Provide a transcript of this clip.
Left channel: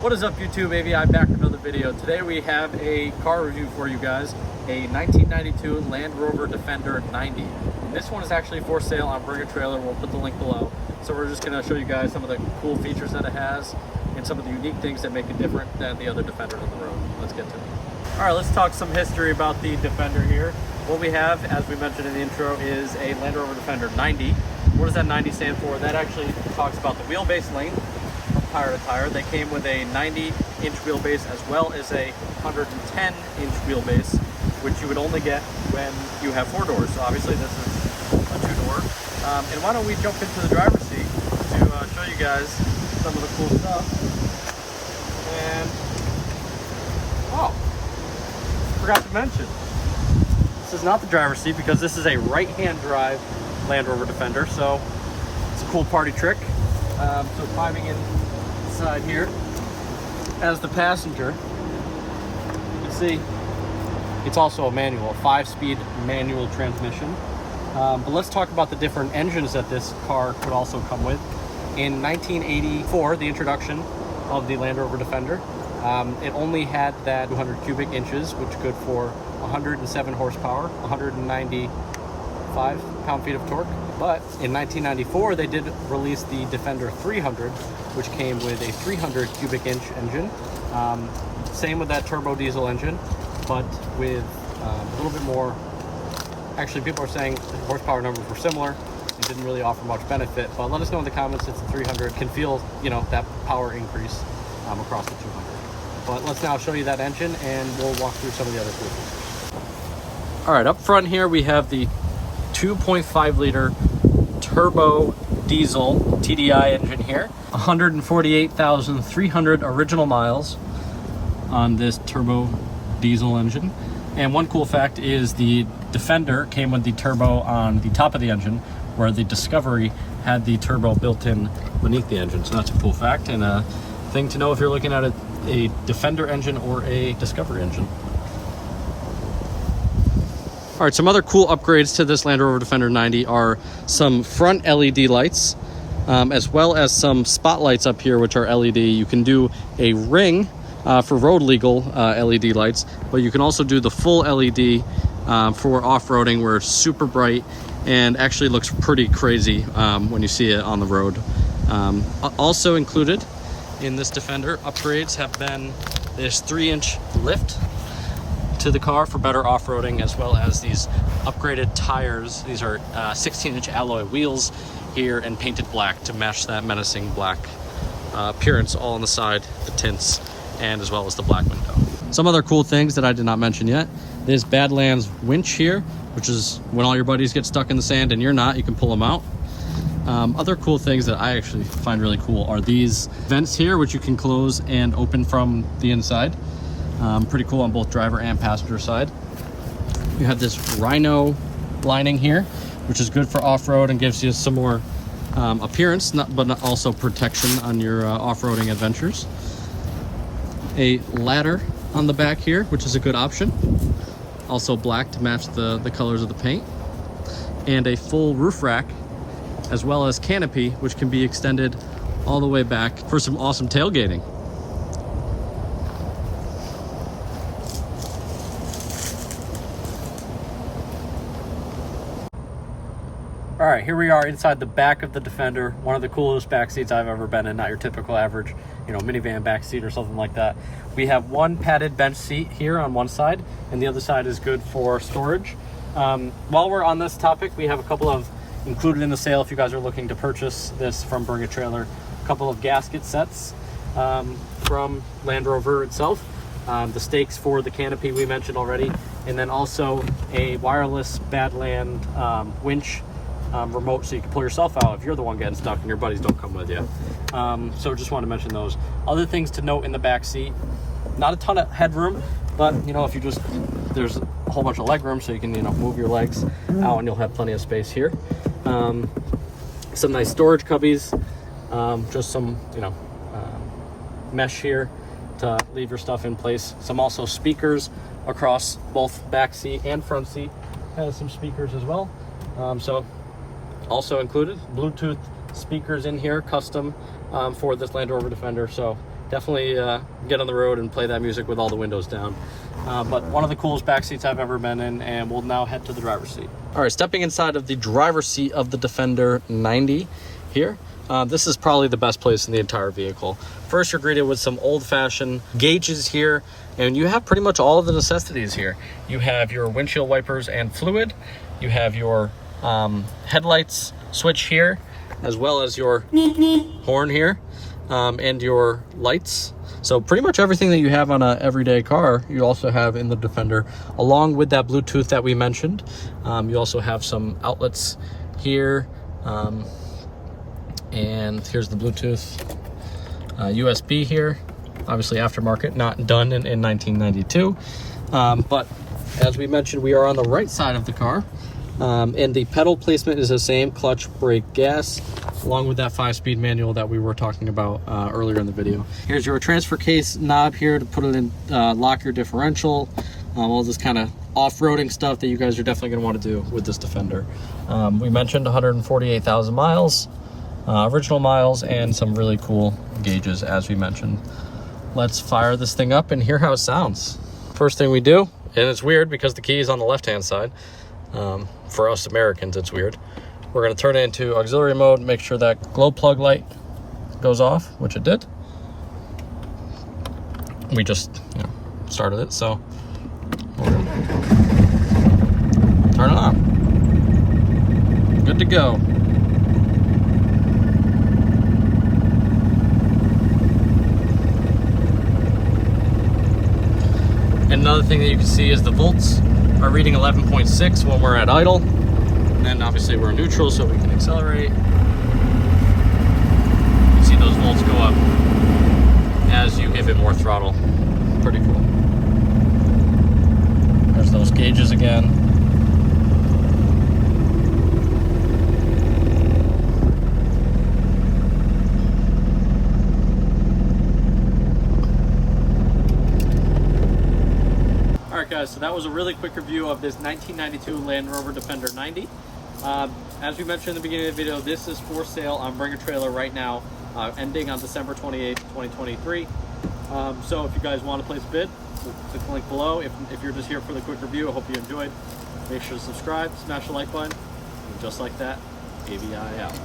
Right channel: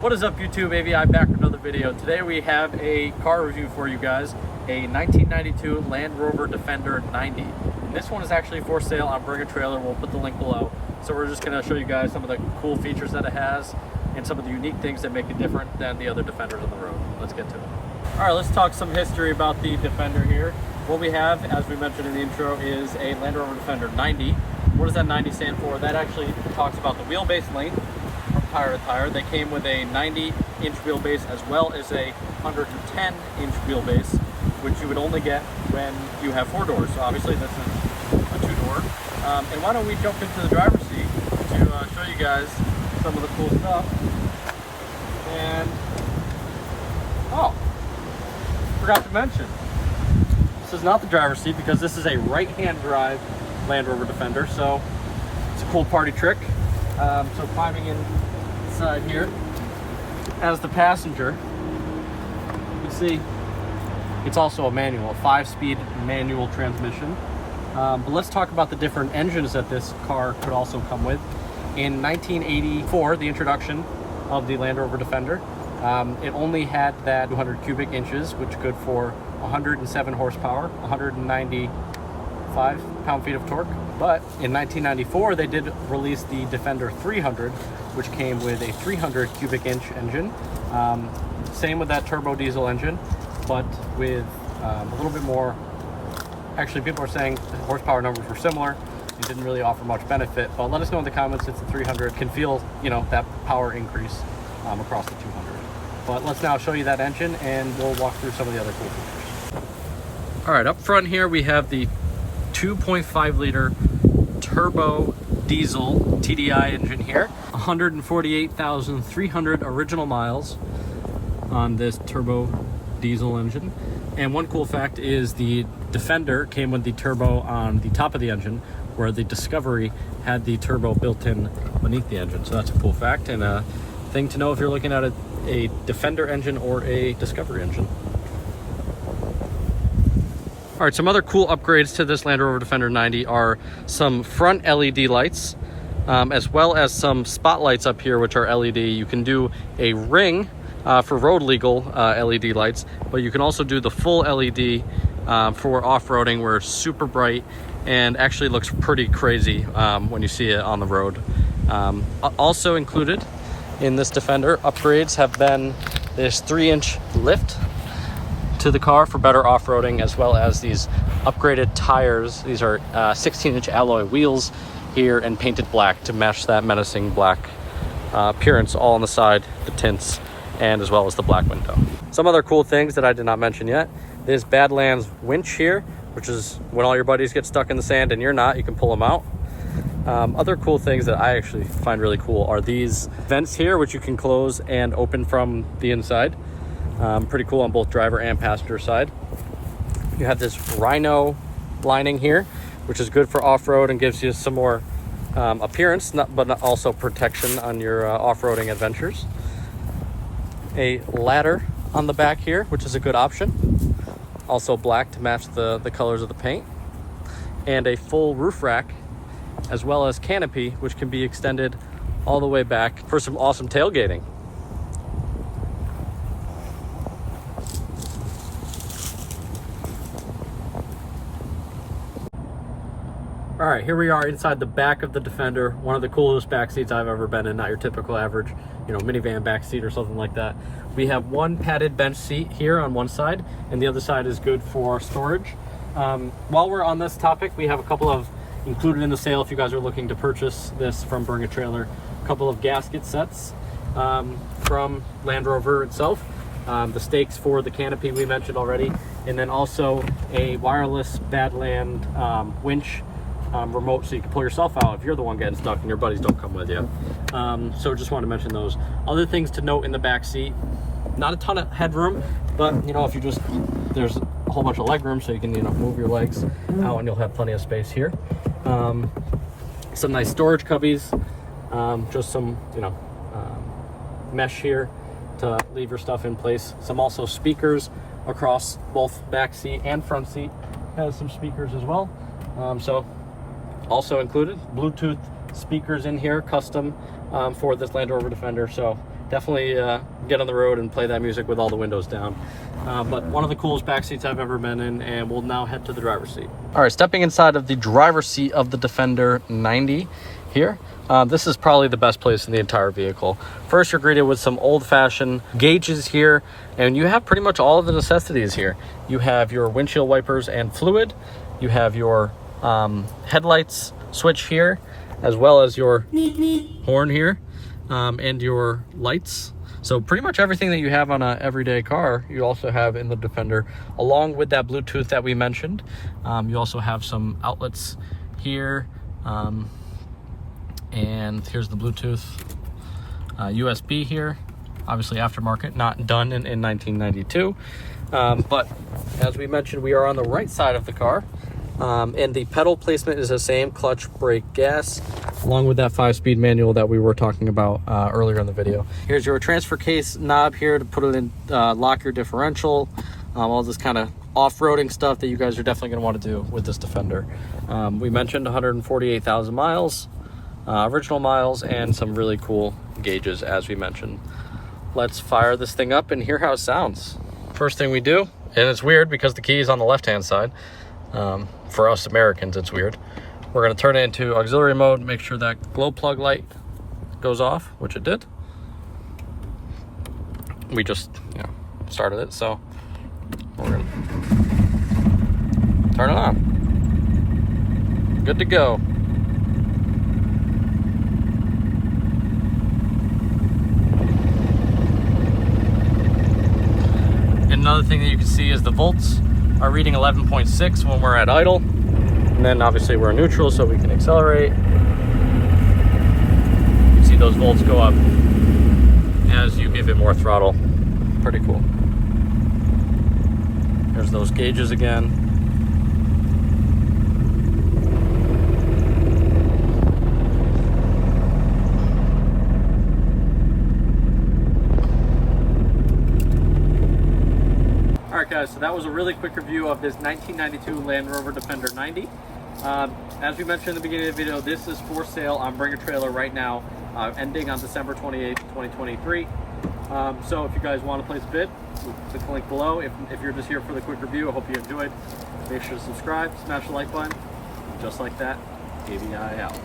What is up YouTube, AVI back with another video. Today we have a car review for you guys, a 1992 Land Rover Defender 90. And this one is actually for sale on Bring a Trailer. We'll put the link below. So we're just going to show you guys some of the cool features that it has and some of the unique things that make it different than the other Defenders on the road. Let's get to it. All right, let's talk some history about the Defender here. What we have, as we mentioned in the intro, is a Land Rover Defender 90. What does that 90 stand for? That actually talks about the wheelbase length from tire to tire. They came with a 90-inch wheelbase as well as a 110-inch wheelbase, which you would only get when you have 4 doors. So obviously this is a 2-door. And why don't we jump into the driver's seat to show you guys some of the cool stuff. And oh, forgot to mention, this is not the driver's seat because this is a right-hand drive Land Rover Defender. So it's a cool party trick. So climbing inside here as the passenger, you can see it's also a manual, a 5-speed manual transmission. But let's talk about the different engines that this car could also come with. In 1984, the introduction of the Land Rover Defender, it only had that 200 cubic inches, which good for 107 horsepower, 195 pound-feet of torque. But in 1994, they did release the Defender 300, which came with a 300 cubic inch engine. Same with that turbo diesel engine, but with a little bit more. Actually, people are saying the horsepower numbers were similar. It didn't really offer much benefit, but let us know in the comments if the 300 can feel, that power increase across the 200. But let's now show you that engine and we'll walk through some of the other cool features. All right, up front here we have the 2.5 liter turbo diesel TDI engine here. 148,300 original miles on this turbo diesel engine. And one cool fact is the Defender came with the turbo on the top of the engine, where the Discovery had the turbo built in beneath the engine. So that's a cool fact and a thing to know if you're looking at a Defender engine or a Discovery engine. All right, some other cool upgrades to this Land Rover Defender 90 are some front LED lights, as well as some spotlights up here, which are LED. You can do a ring for road legal LED lights, but you can also do the full LED for off-roading, where it's super bright and actually looks pretty crazy when you see it on the road. Also included in this Defender upgrades have been this 3-inch lift to the car for better off-roading, as well as these upgraded tires. These are 16-inch alloy wheels here and painted black to match that menacing black appearance all on the side, the tints, and as well as the black window. Some other cool things that I did not mention yet. This Badlands winch here, which is when all your buddies get stuck in the sand and you're not, you can pull them out. Other cool things that I actually find really cool are these vents here, which you can close and open from the inside. Pretty cool on both driver and passenger side. You have this Rhino lining here, which is good for off-road and gives you some more appearance, but not also protection on your off-roading adventures. A ladder on the back here, which is a good option. Also black to match the colors of the paint. And a full roof rack, as well as canopy, which can be extended all the way back for some awesome tailgating. All right, here we are inside the back of the Defender, one of the coolest back seats I've ever been in, not your typical average, minivan back seat or something like that. We have one padded bench seat here on one side, and the other side is good for storage. While we're on this topic, we have a couple of included in the sale if you guys are looking to purchase this from Bring a Trailer. A couple of gasket sets from Land Rover itself. The stakes for the canopy we mentioned already, and then also a wireless Badland winch remote, so you can pull yourself out if you're the one getting stuck and your buddies don't come with you. So just want to mention those. Other things to note in the back seat, not a ton of headroom, but if you just, there's a whole bunch of leg room, so you can move your legs out and you'll have plenty of space here. Some nice storage cubbies, just some mesh here to leave your stuff in place. Some also speakers across both back seat and front seat, has some speakers as well. So also included Bluetooth speakers in here, custom for this Land Rover Defender. So definitely get on the road and play that music with all the windows down. But one of the coolest back seats I've ever been in, and we'll now head to the driver's seat. All right, stepping inside of the driver's seat of the Defender 90 here. This is probably the best place in the entire vehicle. First, you're greeted with some old-fashioned gauges here, and you have pretty much all of the necessities here. You have your windshield wipers and fluid. You have your headlights switch here, as well as your horn here, and your lights. So pretty much everything that you have on an everyday car, you also have in the Defender, along with that Bluetooth that we mentioned. You also have some outlets here, and here's the Bluetooth, USB here, obviously aftermarket, not done in 1992. But as we mentioned, we are on the right side of the car, and the pedal placement is the same: clutch, brake, gas, along with that 5-speed manual that we were talking about earlier in the video. Here's your transfer case knob here to put it in, lock your differential, all this kind of off-roading stuff that you guys are definitely going to want to do with this Defender. We mentioned 148,000 miles, original miles, and some really cool gauges, as we mentioned. Let's fire this thing up and hear how it sounds. First thing we do, and it's weird because the key is on the left-hand side. For us Americans, it's weird. We're going to turn it into auxiliary mode, make sure that glow plug light goes off, which it did. We just, started it, so we're going to turn it on. Good to go. Another thing that you can see is the volts are reading 11.6 when we're at idle. And then obviously we're neutral, so we can accelerate. You see those volts go up as you give it more throttle. Pretty cool. There's those gauges again. Guys, so that was a really quick review of this 1992 Land Rover Defender 90. As we mentioned in the beginning of the video, this is for sale on Bring a Trailer right now, ending on December 28th, 2023. So if you guys want to place a bid, click the link below. If you're just here for the quick review, I hope you enjoyed. Make sure to subscribe, smash the like button, and just like that, ABI out.